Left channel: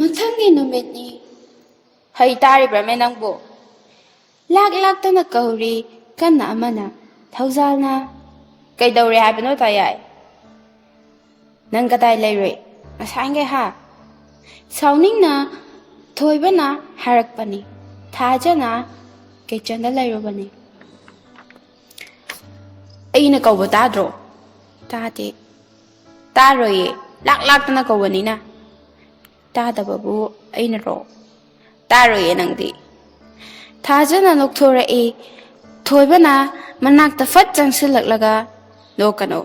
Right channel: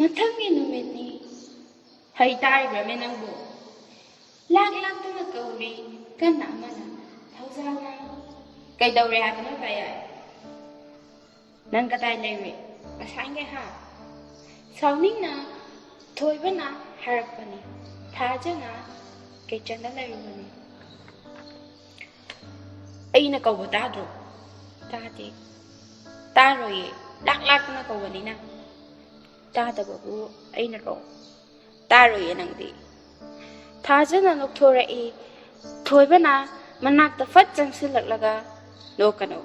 ꯃꯊꯪꯒꯤ ꯅꯨꯃꯤꯠꯅꯤ ꯍꯩ ꯇꯥꯔꯤꯕ꯭ꯔꯃꯦ ꯅꯪꯕꯨ ꯂꯥꯛꯇꯅ ꯀꯧꯔꯤ ꯀꯟꯅ ꯑꯃꯅ ꯊꯧꯖꯥꯜꯅ ꯀꯩꯗꯧꯔꯦ ꯍꯥꯏꯕꯅꯣ ꯇꯥꯌꯥꯏ ꯅꯪ ꯀꯗꯥꯏ ꯂꯩꯔꯨꯏ ꯉꯁꯥꯏꯈꯩ ꯍꯥ ꯁꯥꯎꯅꯤꯡꯅ ꯊꯣꯏꯕꯅ ꯍꯥꯏꯔꯛꯄꯅꯤ ꯊꯥꯖꯅ ꯀꯤꯆꯟꯗ ꯂꯩꯔꯨꯕꯅꯤ ꯑꯩꯅ ꯀꯧꯕ ꯇꯥꯗ꯭ꯔꯣ ꯇꯥꯗꯦ ꯇꯥꯔꯣꯏꯌꯦ ꯂꯥꯛꯇꯅ ꯀꯧꯕꯅꯤꯅ ꯇꯥꯗꯕꯕꯨ ꯑꯩꯅꯔꯣ ꯇꯥꯔꯣꯏꯌꯦ ꯅꯪꯗꯤ ꯊꯥꯖꯅ ꯅꯣꯛꯊꯣꯔꯛꯏ ꯊꯣꯏꯕꯅ ꯃꯅꯥꯛꯇ ꯐꯠ ꯆꯪꯁꯤꯜꯂꯛꯂꯒ ꯅꯣꯛꯀꯅꯣ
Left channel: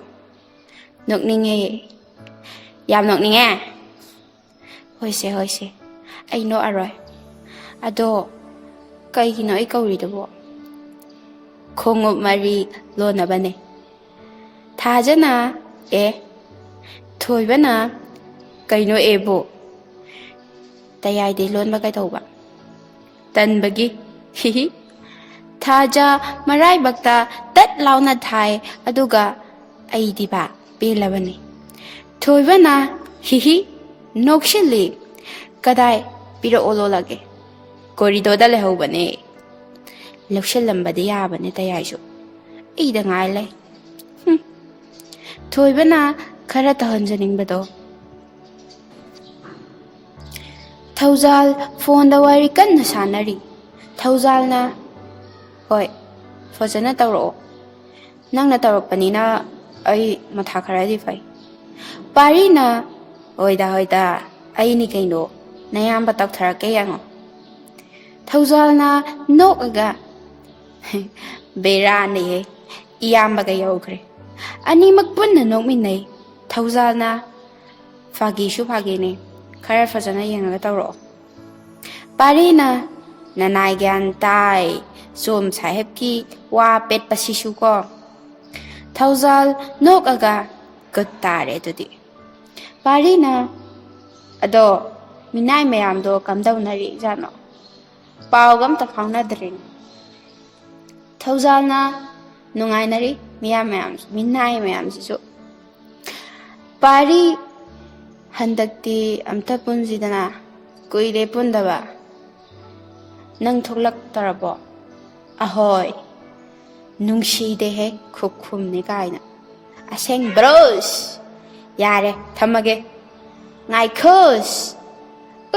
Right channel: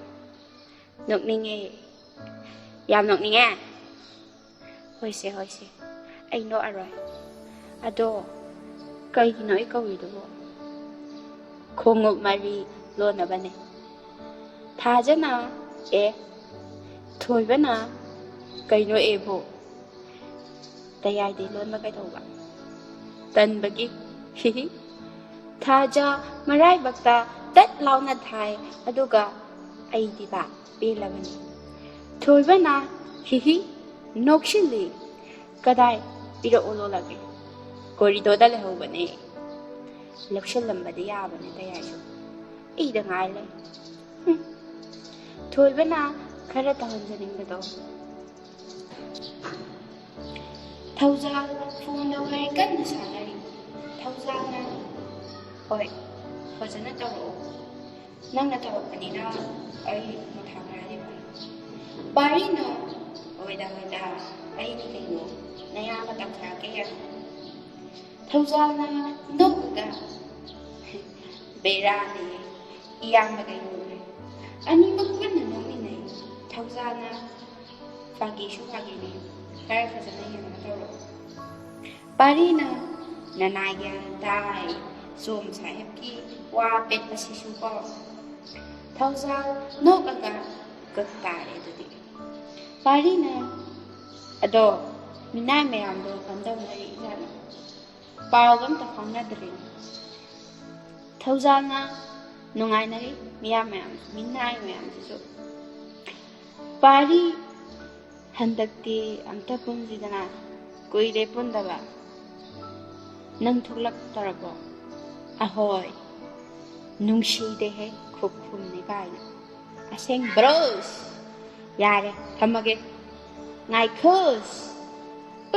ꯅꯣꯛꯅꯤꯡꯉꯦ ꯌꯥꯝ ꯅꯣꯛꯅꯤꯡꯉꯦ ꯍꯣꯏꯁꯦ ꯑꯩ ꯅꯣꯛꯑꯔꯣꯏ ꯑꯗꯣ ꯀꯩꯒꯤꯅꯣ ꯑꯩ ꯀꯧꯔꯤꯗꯨꯕꯣ ꯈꯣꯡꯎꯞ ꯃꯔꯤ ꯂꯣꯟꯅꯕꯅꯦ ꯊꯥꯖꯅ ꯊꯣꯏꯕꯅ ꯀꯩꯅꯣ ꯑꯦꯕꯨ ꯇꯌꯥꯏꯗꯩ ꯂꯣꯟꯕ ꯀꯩꯗꯧꯕ ꯇꯟꯕꯒꯤ ꯍꯤꯍꯤ ꯊꯥꯖ ꯃꯔꯥꯏꯕꯛꯇ ꯇꯠ ꯂꯥꯎꯅ ꯊꯥꯏ ꯑꯗꯨꯒ ꯑꯩꯗꯤꯕ ꯄꯦꯜꯂꯕꯅꯤ ꯊꯣꯏꯕꯅ ꯍꯤꯍꯤ ꯅꯣꯛꯁꯤꯜꯂꯤ ꯀꯗꯥꯏ ꯄꯤꯔꯛꯑꯣ ꯂꯣꯜꯂꯒꯦ ꯀꯣꯔꯤꯗꯣꯔꯗ ꯂꯩꯍꯧꯕꯅꯦ ꯂꯧꯁꯤꯜꯂꯝꯕꯗꯤ ꯌꯥꯕꯅꯦ ꯇꯌꯥꯏꯁꯨ ꯑꯩꯗ ꯉꯥꯏ ꯂꯩ ꯊꯣꯏꯕꯅ ꯈꯔ ꯇꯧꯍꯟꯖꯅꯤꯡꯕꯗꯣ ꯊꯧꯖꯥꯜ ꯐꯣꯟꯗ ꯋꯥꯔꯤ ꯀꯟꯅ ꯁꯥꯟꯅꯔꯤ ꯊꯧꯖꯥꯜꯅ ꯍꯣꯏ ꯐꯖꯅ ꯇꯧꯔꯛꯑꯣ ꯅꯪꯅ ꯇꯧꯔꯛꯄꯅꯤꯅ ꯑꯩ ꯃꯊꯥ ꯈꯔꯗꯤ ꯐꯩ ꯄꯥꯔꯤꯅ ꯍꯣꯏꯗ ꯑꯩꯅꯤ ꯀꯩꯅꯣ ꯅꯌꯥꯝꯕ ꯇꯧꯊꯔꯛꯀꯦ ꯌꯦꯡꯉꯣ ꯊꯧꯖꯥꯜꯅ ꯅꯣꯛꯑꯒ ꯕꯦꯔꯥꯅꯤꯍꯦ ꯏꯌꯥꯝꯕꯒ ꯌꯧꯈ꯭ꯔꯦ ꯑꯅꯤꯃꯛ ꯄꯨꯟꯅ ꯅꯣꯛꯃꯤꯟꯅꯩ ꯊꯧꯖꯥꯜꯅ ꯐꯥꯒꯤꯁꯨ ꯐꯥꯒꯤꯅꯤ ꯈꯔ ꯐꯖꯅ ꯌꯦꯡꯉꯒ ꯇꯧꯔꯛꯑꯣ ꯄꯥꯔꯤꯅ ꯅꯅꯥꯏ ꯒ꯭ꯌꯥꯟ ꯇꯥꯏ ꯁꯣꯝ ꯁꯥꯍꯦꯕꯀꯤ ꯋꯥ ꯄꯦꯠꯄꯁꯤꯁꯨ ꯀꯣ ꯊꯧꯖꯥꯜ ꯅꯣꯛꯑꯒ ꯒꯨꯠ ꯇꯥꯔꯦ ꯑꯗꯨꯗꯤ ꯄꯥꯔꯤꯅ ꯑꯗꯣ ꯃꯤꯅꯥꯏ ꯃꯌꯥꯝꯗꯣ ꯀꯝꯗꯧꯅꯔꯤ ꯖꯥꯠꯅꯣ ꯄꯥꯎꯒ ꯑꯝꯇ ꯐꯥꯎꯅꯗ꯭ꯔꯤꯅꯤ ꯊꯧꯖꯥꯜꯅ ꯅꯨꯡꯉꯥꯏꯅꯔꯤ ꯃꯤꯅꯥꯏ ꯃꯌꯥꯝꯁꯤꯁꯨ ꯄꯥꯔꯤ ꯍꯟꯗꯛꯇꯤ ꯑꯝꯇ ꯄꯨꯟꯁꯤꯗꯅ ꯀꯨꯏꯔꯦ ꯄꯨꯟꯗꯕ ꯅꯪ ꯊꯣꯛꯂꯛꯇꯔꯕꯣ ꯑꯍꯣꯏ ꯅꯨꯡꯁꯤꯗꯦꯍꯦ ꯈꯨꯝꯅꯤ ꯀꯥꯏꯅ ꯑꯁꯦꯡꯕ꯭ꯔꯣꯁ ꯌꯥꯔꯦ ꯊꯝꯃꯒꯦ ꯉꯥꯏꯈꯣꯁ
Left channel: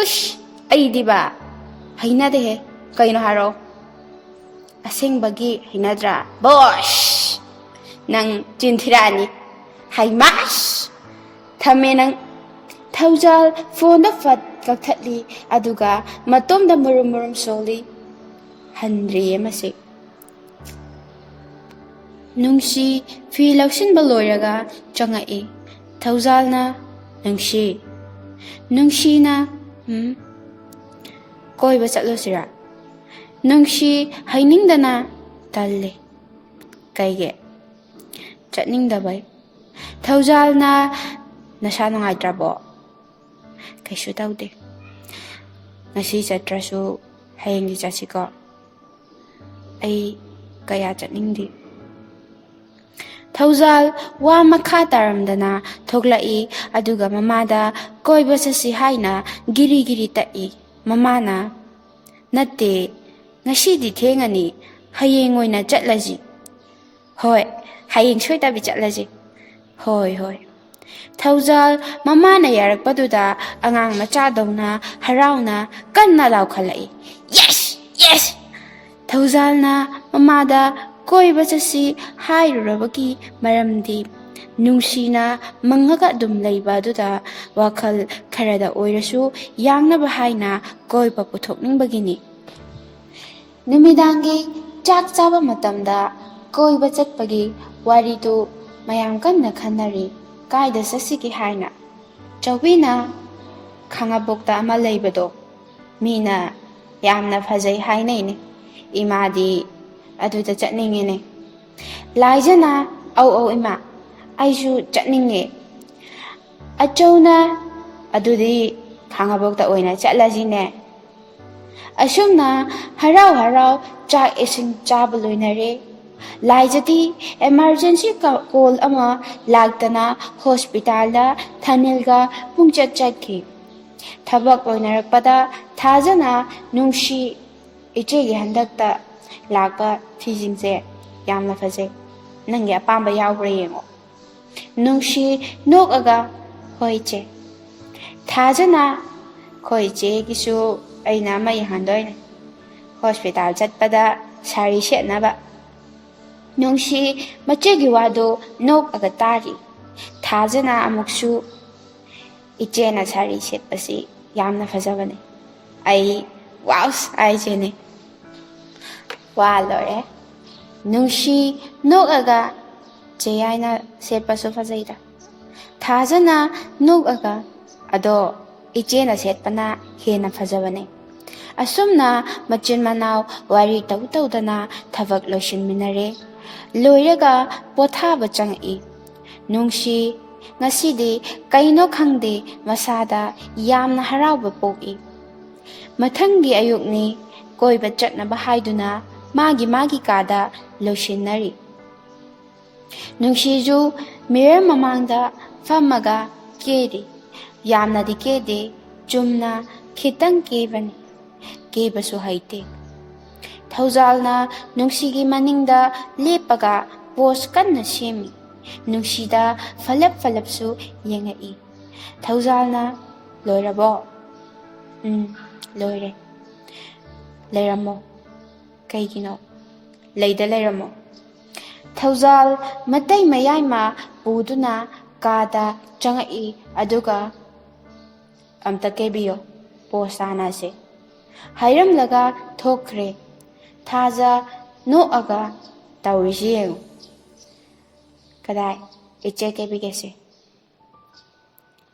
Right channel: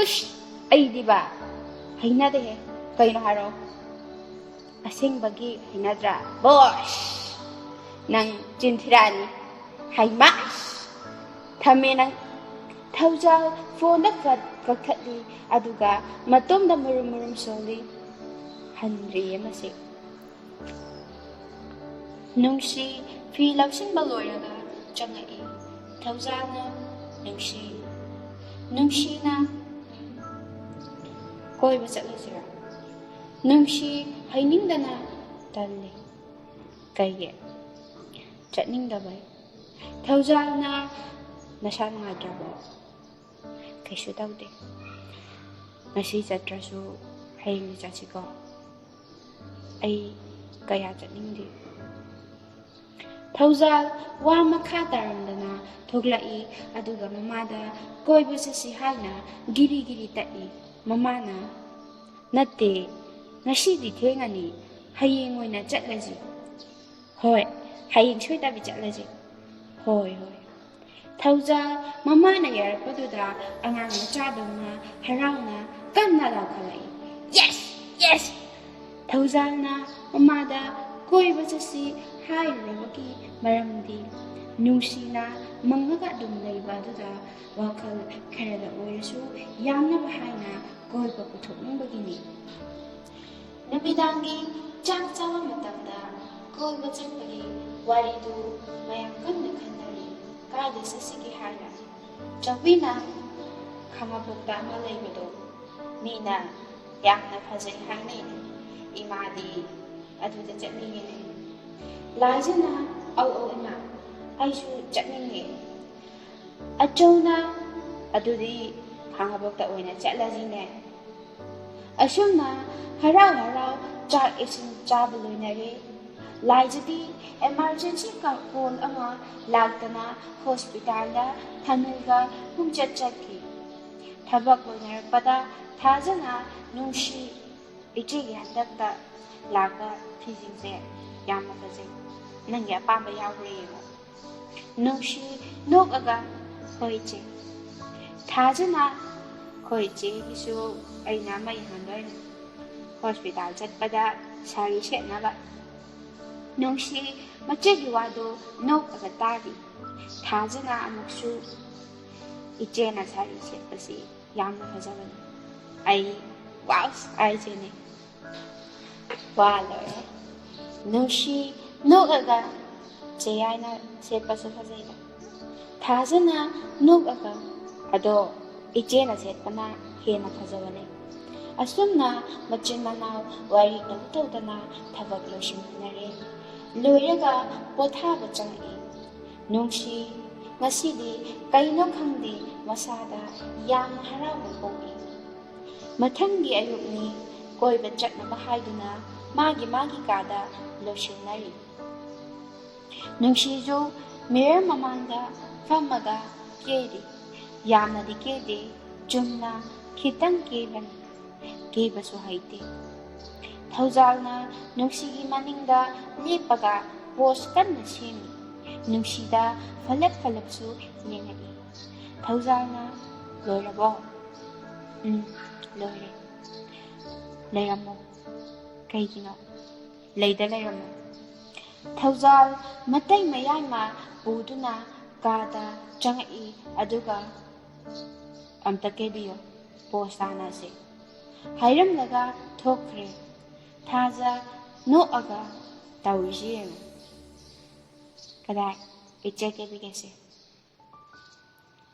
ꯎꯁ ꯑꯩꯗꯤꯕ ꯍꯩꯅꯗꯦꯍꯦ ꯀꯩꯅꯣ ꯍꯥꯏꯔꯛꯑꯣ ꯑꯁꯦꯡꯕꯒꯤ ꯍꯩꯅꯗ꯭ꯔꯥ ꯕꯣꯁ ꯅꯪ ꯆꯤꯟꯊꯤꯔꯛꯑꯅꯤ ꯍꯩꯃꯥꯁ ꯊꯝꯃꯦ ꯅꯪ ꯊꯧꯖꯥꯜ ꯐꯣꯟꯗ ꯐꯠ ꯀꯛꯊꯠꯂꯤ ꯑꯗꯨꯒ ꯃꯇꯣꯝꯗ ꯃꯨꯔꯨꯝ ꯁꯣꯜꯂꯤ ꯍꯟꯗ꯭ꯔꯤꯌꯦ ꯃꯁꯤ ꯅꯨꯡꯁꯤ ꯐꯤ ꯂꯧꯁꯤꯟꯕ ꯂꯣꯏꯔꯒ ꯆꯪꯉꯛꯏ ꯊꯧꯖꯥꯜꯅ ꯅꯨꯡꯁꯤꯅ ꯀꯣꯏꯕ ꯆꯠꯂꯨꯁꯤꯔꯥ ꯅꯨꯡꯁꯤ ꯍꯩꯅꯤꯡꯗꯅ ꯇꯜꯂꯤ ꯀꯩꯒꯤ ꯆꯠꯅꯤꯡꯗꯕꯩ ꯊꯧꯖꯥꯜꯅ ꯅꯁꯥ ꯅꯨꯡꯉꯥꯏꯇ꯭ꯔꯕꯣ ꯀꯩꯁꯨ ꯇꯧꯗꯦ ꯉꯁꯤ ꯆꯠꯇ꯭ꯔꯁꯨ ꯍꯌꯦꯡꯗꯤ ꯆꯠꯁꯤꯀꯣ ꯑꯩ ꯀꯌꯥ ꯆꯠꯅꯤꯡꯗꯦ ꯊꯧꯖꯥꯜ ꯋꯥ ꯃꯈꯥ ꯇꯥꯔꯝꯗꯅ ꯊꯣꯛꯂꯛꯏ ꯑꯗꯨꯒ ꯃꯃꯥꯗ ꯀꯣꯏꯕ ꯆꯠꯁꯤ ꯍꯥꯏꯅ ꯒꯤꯔꯤ ꯇꯛꯏ ꯃꯃꯥꯅ ꯅꯠꯇꯦ ꯉꯁꯤꯗꯤ ꯊꯦꯡꯉꯅꯤ ꯍꯌꯦꯡ ꯑꯣꯏꯅ ꯆꯠꯂꯁꯤ ꯍꯣꯏ ꯍꯌꯦꯡ ꯁꯣꯏꯗꯕꯤ ꯆꯠꯂꯁꯤ ꯍꯣꯏ ꯊꯧꯖꯥꯜ ꯃꯃꯥꯅ ꯌꯥꯔꯛꯄꯗꯨꯗ ꯑꯉꯥꯡ ꯃꯆꯥꯗꯧꯅ ꯍꯔꯥꯎꯅ ꯀꯟꯅ ꯂꯥꯎꯈꯠꯂꯛꯏ ꯌꯦꯁ ꯊꯧꯖꯥꯜꯅ ꯃꯃꯥꯗ ꯀꯣꯏꯕ ꯆꯠꯁꯤ ꯍꯥꯏꯔꯨꯔꯕꯒꯤ ꯃꯔꯝꯗꯤ ꯅꯨꯡꯁꯤꯅ ꯃꯪꯉꯒ ꯑꯗꯨꯝ ꯂꯩꯕ ꯑꯗꯨꯗ ꯋꯥꯈꯜ ꯈꯔꯗ ꯑꯣꯏꯔꯁꯨ ꯌꯥꯡꯅꯕ ꯍꯥꯏꯅ ꯀꯣꯏꯕ ꯄꯨꯊꯣꯛꯅꯤꯡꯕꯒꯤꯅꯤ ꯅꯨꯃꯤꯗꯥꯡꯒꯤ ꯆꯥꯛ ꯆꯥꯕ ꯃꯇꯝꯗ ꯀꯣꯏꯕ ꯆꯠꯄꯒꯤ ꯋꯥꯔꯤꯗꯨ ꯃꯌꯥꯝ ꯀꯟꯅ ꯈꯟꯅꯔꯤ ꯀꯥꯏꯗ ꯆꯠꯁꯤꯒꯦ ꯍꯥꯏꯅ ꯆꯧꯕꯤꯅ ꯈꯥꯡꯉꯕꯣꯛꯇ ꯑꯃ ꯂꯩꯕꯗꯣ ꯃꯤꯅ ꯌꯥꯝꯅ ꯐꯖꯩ ꯍꯥꯏꯅꯩꯅꯦ ꯏꯃꯥꯗꯤ ꯑꯗꯨꯗ ꯆꯠꯅꯤꯡꯉꯤꯅꯦ ꯂꯥꯏꯖꯅ ꯑꯧ ꯏꯃꯥ ꯑꯩꯁꯨ ꯆꯠꯅꯤꯡꯉꯦ ꯑꯆꯧꯅ ꯑꯗꯨꯗꯤ ꯈꯥꯡꯉꯕꯣꯛꯇ ꯑꯣꯏꯅ ꯆꯠꯂꯁꯤꯅꯦ ꯑꯁꯨꯝꯅ ꯍꯔꯥꯎ ꯆꯥꯛ ꯏꯁꯤꯡ ꯆꯥꯕ ꯂꯣꯏꯅꯔꯦ ꯂꯥꯏꯖꯗꯤ ꯑꯦꯃꯥꯔꯖꯦꯟꯁꯤ ꯀꯣꯜ ꯑꯃ ꯂꯥꯛꯇꯅ ꯍꯣꯁꯄꯤꯇꯥꯜꯗ ꯊꯅꯤꯜꯒ ꯄꯨꯡꯆꯠ ꯆꯠꯈꯤ ꯊꯕꯛ ꯂꯣꯏꯅꯔꯛꯄꯗ ꯊꯥꯖꯅ ꯅꯨꯡꯁꯤ ꯏꯆꯦꯒꯤ ꯍꯟꯗꯛꯇ ꯂꯥꯛꯄ ꯐꯤꯁꯤꯡꯁꯦ ꯌꯥꯝꯅ ꯐꯖꯩ, ꯅꯪꯒꯤ ꯑꯄꯥꯝꯕ ꯌꯥꯎꯕ꯭ꯔꯥ ꯌꯦꯡꯉꯣ꯫ ꯅꯨꯡꯁꯤ ꯅꯣꯛꯑꯒ ꯍꯣꯏ ꯏꯆꯦ꯫ ꯊꯥꯖꯅ ꯍꯣꯏ ꯏꯆꯦꯒꯤꯁꯨ ꯑꯩꯅ ꯑꯃ ꯌꯦꯡꯍꯟꯗꯣꯏꯅꯦ, ꯍꯣꯁꯄꯤꯇꯥꯜ ꯆꯠꯄꯗ ꯁꯥꯔꯤ ꯁꯦꯠꯅꯕ꯫ ꯅꯨꯡꯁꯤ ꯃꯆꯦꯒꯤ ꯋꯥꯗꯨ ꯅꯣꯛꯑꯒ ꯇꯥꯔꯤ꯫ ꯊꯥꯖꯅ ꯑꯃꯨꯛꯁꯨ ꯏꯆꯦꯅ ꯁꯥꯔꯤ ꯁꯦꯠꯄꯁꯤ ꯌꯥꯝꯅ ꯐꯖꯕꯅꯦ, ꯑꯩ ꯋꯥꯎꯁ ꯍꯥꯏꯁꯤꯅꯦ꯫ ꯋꯥ ꯂꯣꯏꯔꯦ꯫ ꯅꯨꯡꯁꯤ ꯅꯣꯛꯑꯒ ꯆꯦ ꯌꯥꯏꯅ ꯁꯦꯠꯄꯁꯨ ꯐꯖꯩꯗ꯫ ꯊꯥꯖꯅ ꯅꯣꯛꯑꯒ ꯑꯗꯣ ꯏꯆꯦꯅ ꯁꯦꯠꯄꯅ ꯍꯦꯟꯅ ꯐꯖꯕꯅꯦ꯫ ꯑꯁꯨꯝꯅ ꯃꯆꯤꯟ ꯃꯅꯥꯎ ꯋꯥꯔꯤ ꯇꯧꯗꯅ ꯊꯕꯛ ꯂꯣꯏꯁꯤꯟꯃꯤꯟꯅꯔꯦ꯫ ꯂꯣꯏꯔꯒ ꯄꯣꯊꯥꯕ ꯆꯪꯉꯛꯏ꯫ ꯅꯨꯡꯁꯤ ꯉꯁꯤꯗꯤ ꯀꯩꯅꯣ ꯈꯪꯗꯦ ꯃꯁꯥꯗ ꯌꯥꯝꯅ ꯍꯔꯥꯎꯕ ꯄꯣꯛꯏ꯫ ꯃꯊꯪꯒꯤ ꯑꯌꯨꯛꯅꯤ, ꯀꯣꯏꯕ ꯆꯠꯅꯕ ꯍꯥꯏꯗꯨꯅ ꯃꯥꯒꯤ ꯀꯥꯗ ꯂꯣꯏꯁꯤꯟꯅꯔꯤ꯫ ꯅꯨꯡꯁꯤꯁꯨ ꯃꯤꯔꯔ ꯃꯃꯥꯡꯗ ꯐꯝꯃꯒ ꯀꯦꯔꯤ꯫ ꯌꯥꯝꯅꯗꯤ ꯀꯦꯗꯦ, ꯆꯨꯝꯅ ꯈꯤꯇꯪ ꯀꯦꯕꯅꯤ, ꯀꯦꯕꯁꯨ ꯍꯩꯇꯦ꯫ ꯊꯧꯖꯥꯜꯅ ꯅꯨꯡꯁꯤꯒꯤ ꯃꯅꯤꯡꯗ ꯂꯦꯞꯄꯒ ꯄꯣꯁ ꯀꯟꯅ ꯁꯦꯝꯃꯤ꯫ ꯅꯨꯡꯁꯤꯗ ꯐꯂꯞꯁꯨ ꯌꯦꯡꯉꯛꯏ꯫ ꯊꯧꯖꯥꯜꯅ ꯂꯣꯏꯔꯕꯣ? ꯂꯣꯏꯔꯦ꯫ ꯂꯩꯔꯝꯃꯣ꯫ ꯀꯩꯒꯤꯅꯣ? ꯂꯩꯗ ꯂꯩꯔꯝꯃꯣ꯫ ꯊꯧꯖꯥꯜ ꯃꯇꯩ ꯃꯌꯥꯏꯃ ꯄꯨꯗꯨꯅ ꯀꯥꯗ ꯆꯪꯉꯛꯏ ꯑꯗꯨꯒ ꯑꯝꯇ ꯀꯦꯕꯤꯌꯣ, ꯄꯣꯁ ꯇꯥꯅꯁꯦ ꯍꯥꯏꯔꯝꯂꯒ ꯊꯣꯛꯈ꯭ꯔꯦ꯫ ꯊꯥꯖ ꯅꯣꯛꯑꯒ ꯇꯧꯔꯤꯁꯤ ꯌꯦꯡꯉꯨ꯫ ꯀꯗꯥꯏ? ꯏꯆꯦ ꯀꯦꯕꯤꯒꯦꯁꯦ꯫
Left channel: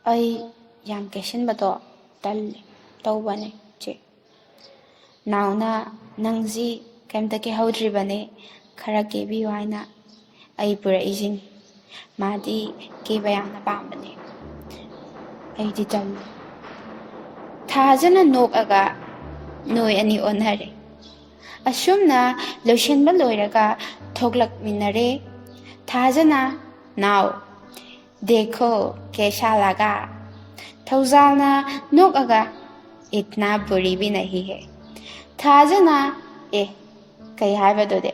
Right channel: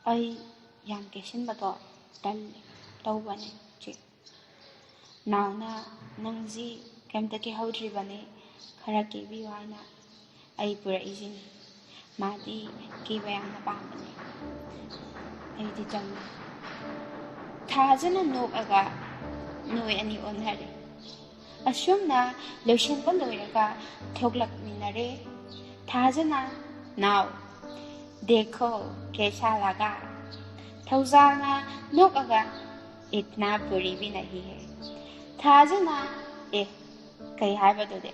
ꯑꯩ ꯌꯥꯝ ꯀꯦꯁꯤꯟꯕꯗꯣ ꯇꯜꯂꯦ, ꯇꯧꯕꯅꯦ ꯆꯦ꯫ ꯅꯥꯎꯅ ꯅꯪꯁꯤ ꯀꯩꯝꯇ ꯀꯦꯍꯧꯗ꯭ꯔꯤꯕꯅꯦ, ꯈꯔ ꯀꯦꯕꯤꯌꯨ ꯍꯥꯏꯅ ꯑꯩ ꯄꯨꯔꯛꯏꯁꯤꯅꯤ꯫ ꯃꯥꯗꯤ ꯀꯦꯕ ꯌꯥꯝꯅ ꯄꯥꯝꯕꯅꯦ, ꯑꯩꯗꯤ ꯇꯜꯂꯦ꯫ ꯊꯥꯖꯅ ꯅꯣꯛꯑꯒ ꯅꯣꯏ ꯑꯅꯤ ꯑꯣꯟꯅꯔꯦ꯫ ꯑꯁꯨꯝꯅ ꯂꯣꯏꯁꯤꯟꯕ ꯂꯣꯏꯔꯒ ꯊꯣꯛꯂꯛꯃꯤꯟꯅꯔꯦ꯫ ꯊꯥꯖꯅ नाउ देखो कैसा लगा। थौजालना नोकअगा इतना बुरी भी नहीं है। थाजना ए कई हाइबदोदे।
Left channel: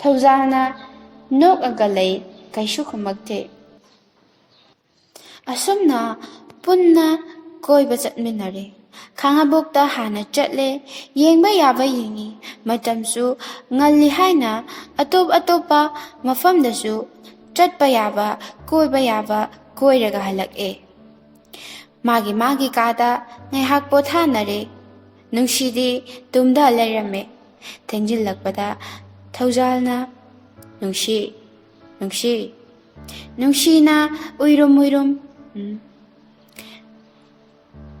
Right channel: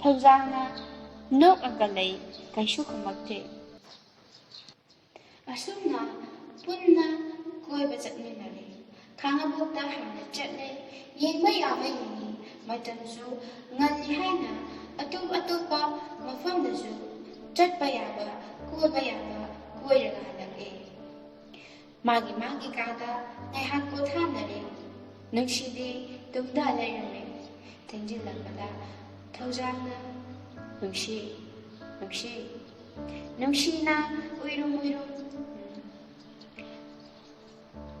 थौजालना नोकअगा लई कैसु खुमक्ते। असुमना पुन्ना कोइबा चटमिनरे। खांगाबोक्ता हाना चटले, येंगबा याबा येंगी, मतमसु ngalli haina atop atopa mafamdasu चटपा याबा कोइबा याबा कोइरगा हलक्ए। मागी कादा ngaiहak पोथानरे। नुंगसीदी तुम्दा लैरमे। थेंजिल्लकपदा थौजालना नुंगसी नुंगसी नुंगसीना उइरुम उइरुम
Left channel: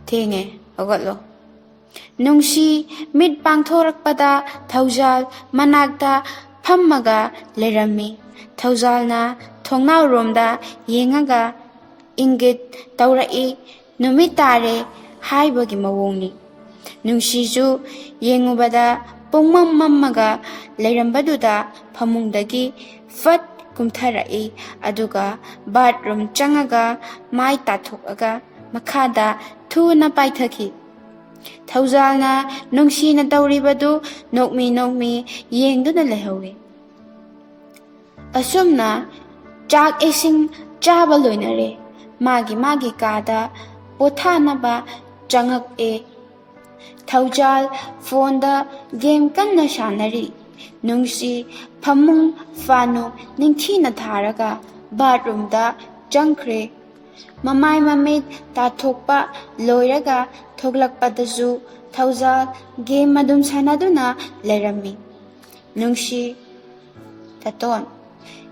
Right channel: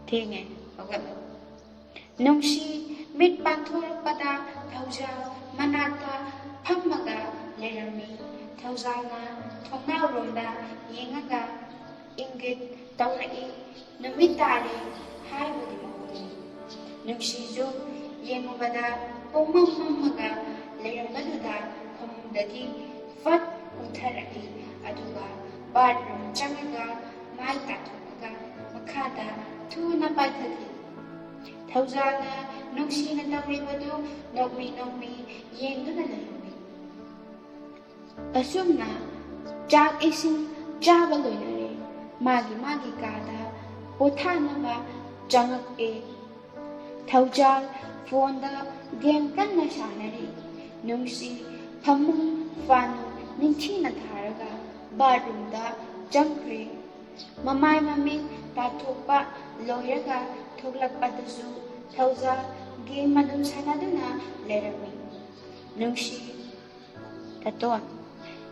थेंगे अगतलो। नुंगसी मिट पांगथोरकपदा थौजाल मनाक्ता फम्मगा लैरमी। थौजालना थोंनावरोमदा येंगागा इंगित तौरई नुमित तारे हाइबगी मवोंगनी। नुंगसीसु येंगुबदा पोंगमम मम्मगा लैरंबदुदा फमुंगदगी फट कुमथरई अदुगा बाथरूम चंगागा माई ताथोकगा मखादा थुना पाइथखी। थौजालना नुंगसीना तौरिबदु नोकमी येंगदुना लेहौवे। असुमना चाक इसिंग चाबा लोइनरे। मागी कादा पोथानबा चंगक्ए। थौजाल फोनदा गेम कन्ना सानरी। नुंगसी फमुंग फानु निंगथीना थारगा बाथरूमदा चंखरे। ममाई ममित ताथोकपा लोइरगा थोगलकपदसु थौजाल गेम मदुम सानादुना लैरमी। नुंगसी ततोन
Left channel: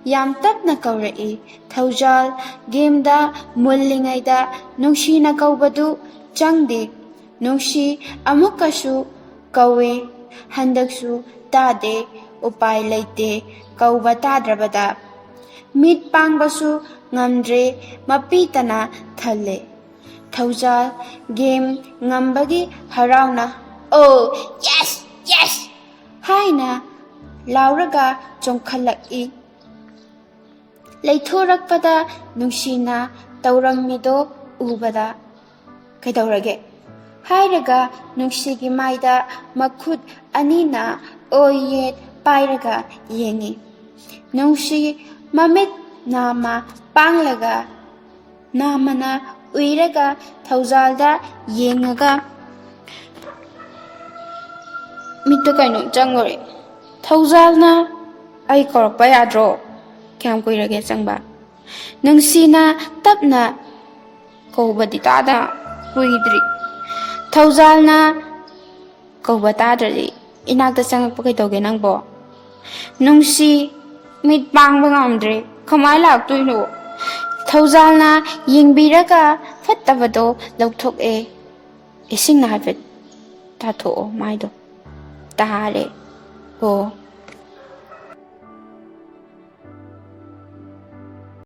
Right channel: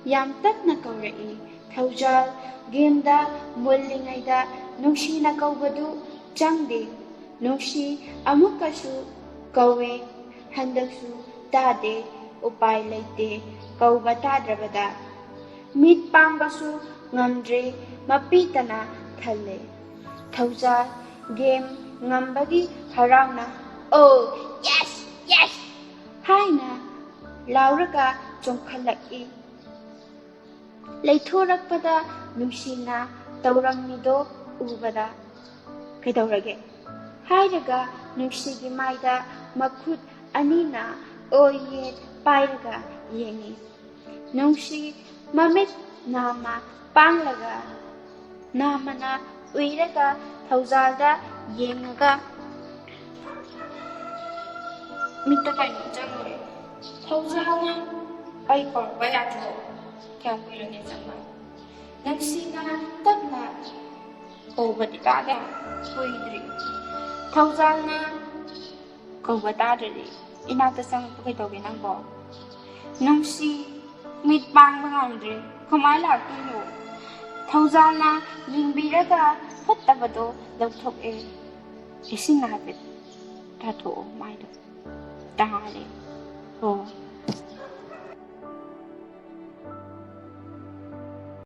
याम तपना कौरई। थौजाल गेमदा मुल्लिंगैदा नुंगसीना कौबदु चंगदे। नुंगसी अमुकसु कौवे, हंदकसु तादे। उपाय लैते कौबा ताद्रबदा मिट पांगबसु ngamdre mapitana thale। थौजाल game ngambagi harauna oh yes yes haina lauraga chongkhalaki। लेथोरकपदा नुंगसीना तौरंगमिदो उबदा ꯀꯩꯗꯧꯔꯒꯦ ꯍꯥꯏꯔꯒ ꯅꯨꯡꯁꯤꯒꯤ ꯃꯥꯏꯗ ꯃꯈꯨꯠ ꯑꯅꯤꯅ ꯑꯣꯏ ꯌꯦꯠ ꯄꯥꯏꯔꯒ ꯌꯦꯡꯉꯤ ꯅꯨꯡꯁꯤ ꯃꯃꯤꯠ ꯅꯥꯝꯃ ꯄꯥꯡꯂꯒ ꯅꯥꯝꯃꯅ ꯎꯏꯔꯒ ꯊꯧꯖꯥꯜꯗ ꯌꯦꯡꯉꯒ ꯃꯤꯠꯇ ꯀꯩꯅꯣ ꯆꯪꯉꯨꯔꯦ ꯊꯧꯖꯥꯜꯅ ꯑꯩ ꯀꯧꯔꯛꯄ ꯌꯥꯗ꯭ꯔꯣ ꯀꯌꯥꯝ ꯀꯨꯏꯔꯒꯦ ꯆꯪꯕ ꯅꯨꯡꯁꯤꯅ ꯇꯞꯅ ꯀꯧꯕꯗꯤ ꯇꯥꯗ ꯀꯨꯏꯗ꯭ꯔꯤ ꯊꯧꯖꯥꯜꯅ ꯀꯧꯕ ꯇꯥꯗ꯭ꯔꯗꯤ ꯏꯅꯥꯛꯇ ꯆꯪꯉꯛꯄ ꯀꯩꯗꯧꯒꯦ ꯅꯪꯕꯣ ꯅꯨꯡꯁꯤ ꯃꯤꯠ ꯄꯥꯡꯕ ꯉꯝꯗ꯭ꯔꯦ ꯀꯃꯥꯏꯅ ꯂꯥꯛꯇꯣꯏꯅꯣ ꯊꯧꯖꯥꯜꯅ ꯌꯦꯡꯕꯤꯔꯒ ꯐꯠꯇꯕꯗꯣ ꯂꯧꯊꯣꯛꯑꯦ ꯏꯁꯤꯡꯅ ꯍꯥꯏꯐꯦꯠ ꯇꯥꯊꯣꯛꯑꯣ ꯃꯥꯏꯗꯣ ꯇꯥꯔꯦ ꯑꯣ